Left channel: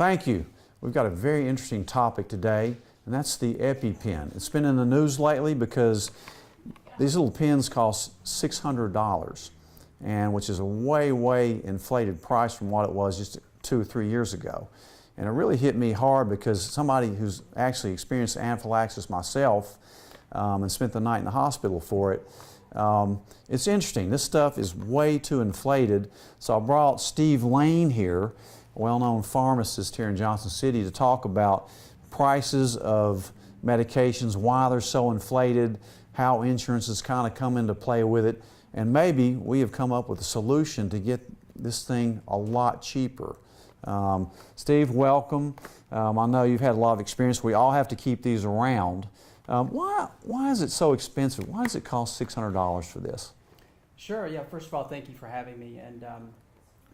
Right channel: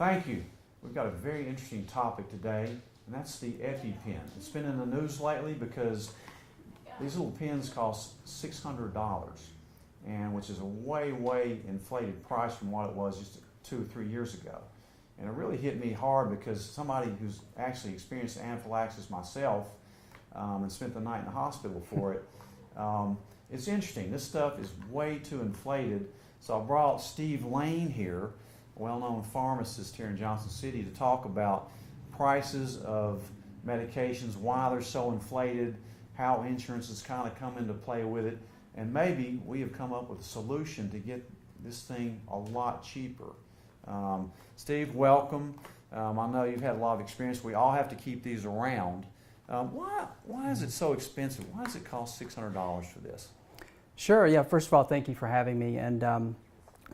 Thank you. We've got a very interesting topic today, and that's the Epipen. It's been in the news lately because these little pens cost $600, and which is a way inflated price from what it was just 2 or 3 years ago. And it really hit me hard because somebody who's actually experienced anaphylaxis myself and spent the night in the hospital for it, it's interesting. This stuff is way too inflated. So I brought Steve Lane here, a well-known pharmacist here in Johnson City, to talk about prices of medications, why they're so inflated, how insurance has kind of come into play with it, and maybe we have come up with a solution to get this thing a lot cheaper. Steve, welcome. I know you've had a lot of experience. We all have to keep these around. Why is it so expensive? Why does it cost $600 for this? Sure. Yeah. First of all, thank you for having me. And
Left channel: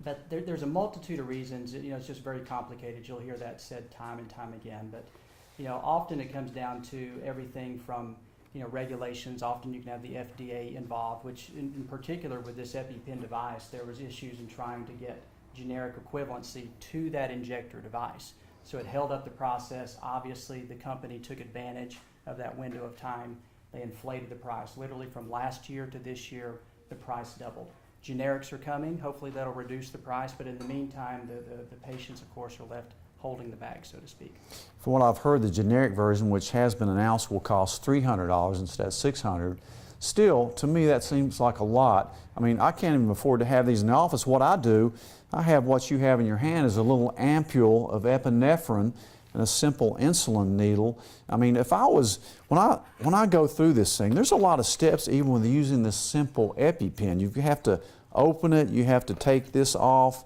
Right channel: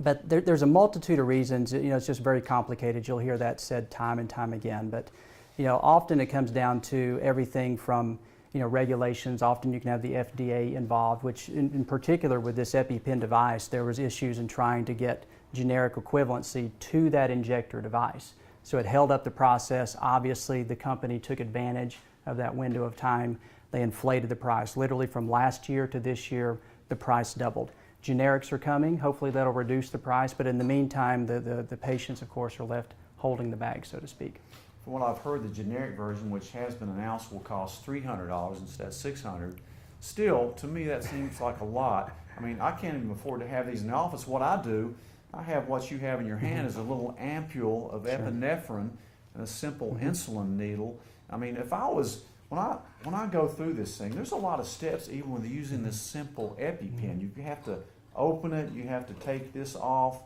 but there's a multitude of reasons. You know, it's just very complicated. You'll hear that said time and time again. But you know, often it comes down to everything from regulations. Often you can have the FDA involved, which in particular with this Epipen device, there was issues in trying to get generic equivalency to that injector device. So it held up the process. Obviously, the company took advantage of that window of time. They inflated the price. Literally from last year to this year, the price doubled. Generics are coming. Hopefully that'll reduce the price, but in the meantime, the patients, of course, are left holding the bag, so to speak. From what I've heard, the generic version, which has been announced, will cost $300 instead of $600. Still, to me, that seems like a lot. I mean, I can't even afford to have these in the office. What I do, I have what you have in your hand is a little ampule of epinephrine and a simple insulin needle. I mean, if I was, when I go through this thing, there's a lot of steps even with using this simple Epipen. You have to open it, you have to take this off,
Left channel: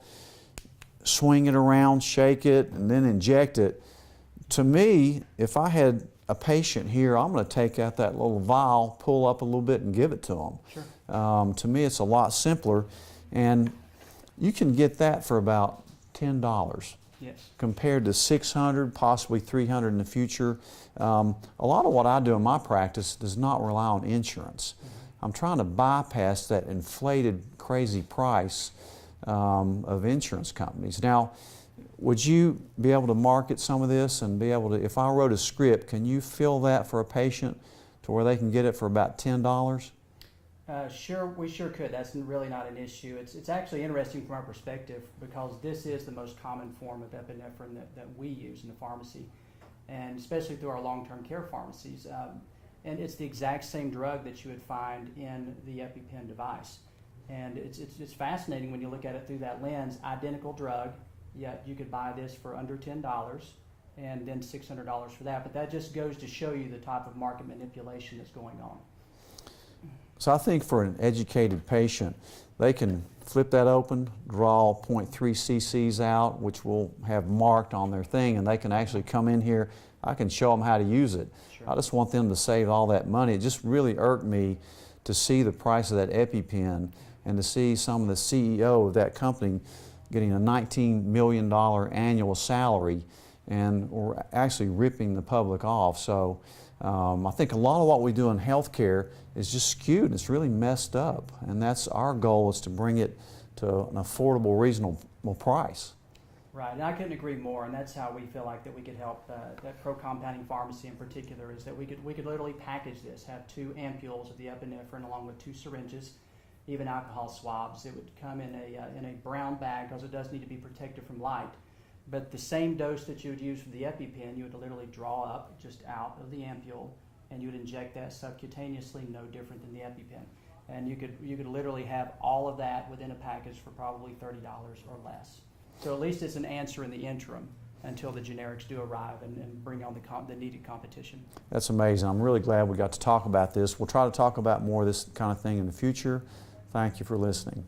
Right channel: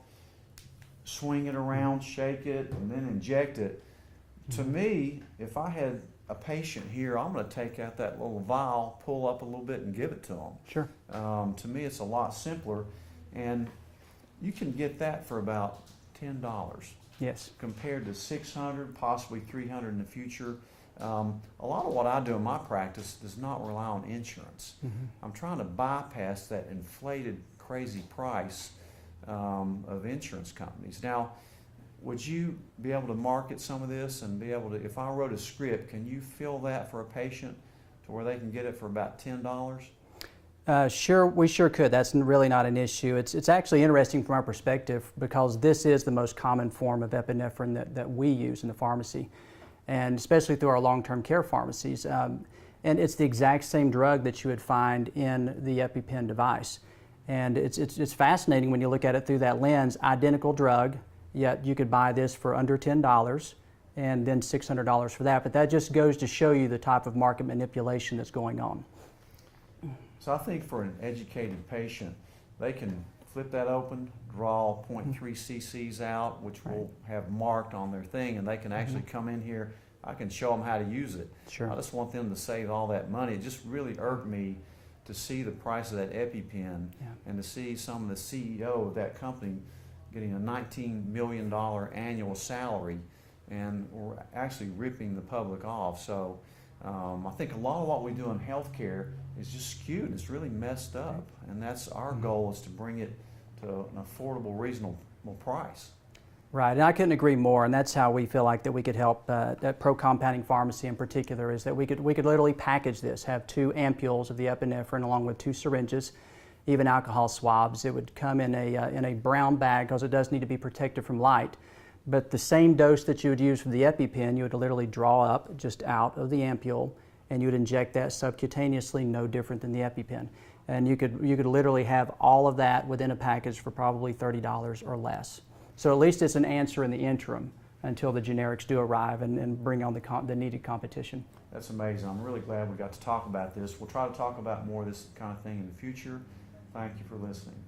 swing it around, shake it, and then inject it. To me, if I had a patient here, I'm going to take out that little vial, pull up a little bit, and give it to them. Sure. To me, it's a lot simpler, and you can get that for about $10. Yes. Compared to $600, possibly $300 in the future. A lot of what I do in my practice does not rely on insurance. I'm trying to bypass that inflated, crazy price of insurance companies. Now, would you be able to market some of this and be able to, if I wrote a script, can you fill that for a patient to where they can get it for about $10? Sure, we sure could. That's really not an issue. It's actually interesting from our perspective because this is the most common form of epinephrine that we use in the pharmacy, and especially through our long-term care pharmacies. And it's the exact same drug that you would find in the Epipen device. And it's fascinating when you look at it through that lens. Identical drug, yet you could buy this for under $10 and then $600 for that. But that just goes to show you the type of market manipulation that's going on. So I think for an educated patient, they can flip that open, draw 0.3 cc's out, which we'll have marked on their thing, and they can actually come in here. I can show them how to use it. Sure. I just want them to save all that money. It just really irked me to see the price of that Epipen and to see some of the CEO of that company getting a $19 million annual salary, and we're actually ripping the public off. So I think a lot of what we do in healthcare is just skewed. It's really messed up, and that's our goal, is to bring it to an affordable, reasonable price. Right, and I couldn't agree more, and that's how we feel like that we could help at ProCompounding Pharmacy in particular, is that we could literally package this, have 2 ampules of the epinephrine along with 2 syringes, even alcohol swabs. It would come in a brown bag because it does need to be protected from light. But the same dose that you would use for the Epipen, you would literally draw up just out of the ampule, and you would inject that subcutaneously, no different than the Epipen. And you could literally have all of that within a package for probably $30 or less. So at least it's an answer in the interim until the generics do arrive and bring on the needed competition. That's amazing. I'm really glad we got to talk about this. We'll try to talk about more of this kind of thing in the future. Thank you for listening.